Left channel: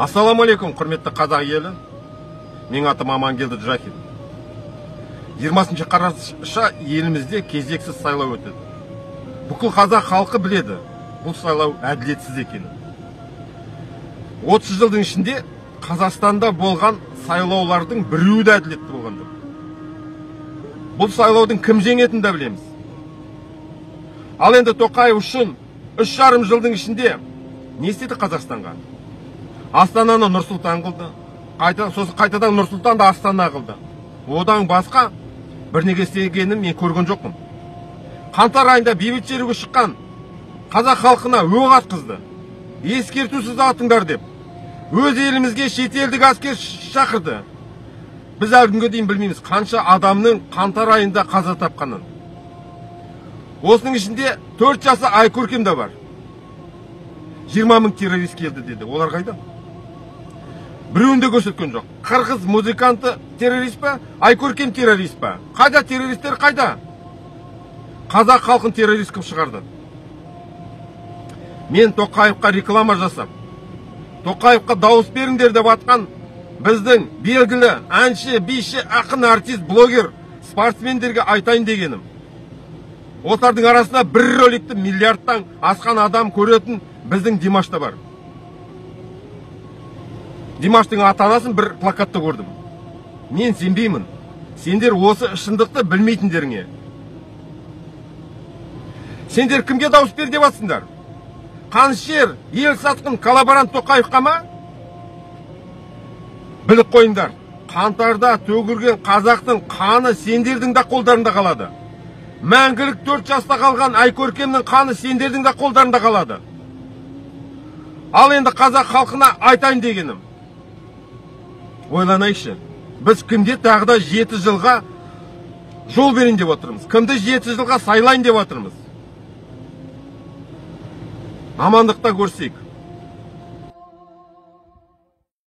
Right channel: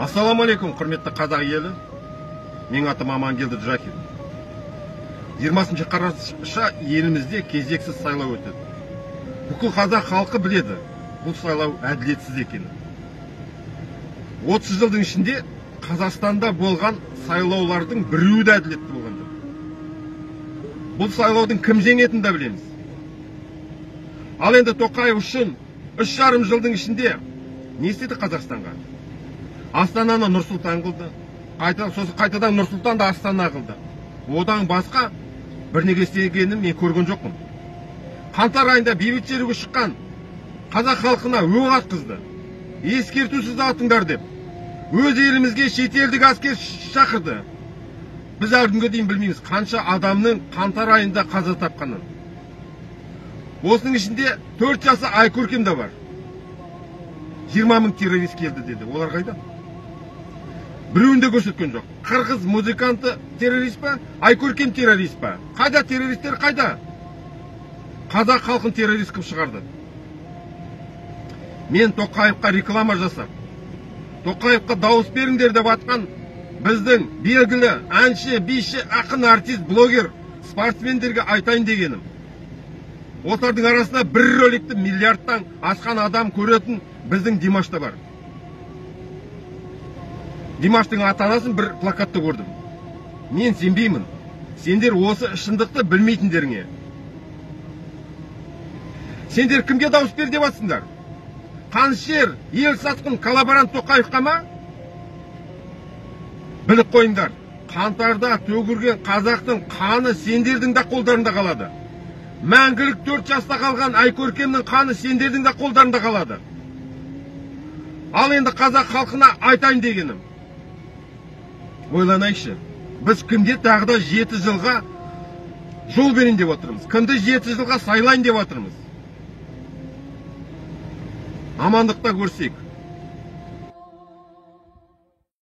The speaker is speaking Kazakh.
Ассаламалейкум, құрметті қазақ елі. Менің атым Амангелді Джахин. 20 қараша елімізде кезексіз сайлау өтеді. Бүкіл қазақ халқы біледі, бұл сайлау әділетсіз екенін. 30 жылдың ішінде Қазақстанда болған сайлаулардың біреуі де әділетті болған жоқ. Бұл сайлаудың кім жеңетінін да білеміз. Ал енді Тоқаев үшін 3,5 жылдың ішінде не істеді Қазақстанға? Астананы Нұр-Сұлтан қылды, қайтадан Нұр-Сұлтанды Астана қылды. Одан басқа бірнеге істегенін мен көрген жоқпын. Қаңтар айында бейбіт шеруге шыққан қазақ халқына оқ атқызды. Ескертусіз атыңдар деп. Өз елімізге шетелдік әскер шақырды. Біз әлі күнге дейін білмейміз қанша адамның қаңтар айында қаза тапқанын. Осының ішінде 4 жасы Айкөркем де бар. 20 мың террорист келді деді. Олар қайда? Біреуінде көрсеткен жоқ. Қырғыз музыканты террорист па? Айкөркем террорист па? Қайда террористер, қайда? Қазақ халқын террорист кім шығарды? Мен Тоқаевқа реклама жасап, Тоқаевқа дауыс беріңдер деп атқан біздің белгілі әнші, биші, ақын, артист, блогер, спортсмендерге айтайын дегенім. Олардың арасында бір роликті миллиардтан асқан адам көретін біздің Димашта бар. Димаштың ата-анасын бір плакатта көрдім. Мен сенбеймін. Сендер осы шындықты білмейтіндеріңе. Сендер кімге дауыс бер деп атсыңдар? Қаншер, ел сатқын коллаборант Тоқаевқа ма? Біліп қойыңдар. Қаңтарда төгілген қазақтың қаны сендердің де қолдарында қалады. Мәңгілік 4 жаста қалған Айкөркемнің қаны сендердің де қолдарында қалады. Ал енді қазақ халқына айтайын дегенім. Ойланайықшы. Біз кімде тағы да 7 жылға жол берейін деп отырмыз. Кімді 7 жылға сайлайын деп отырмыз. Амандықта көрсек.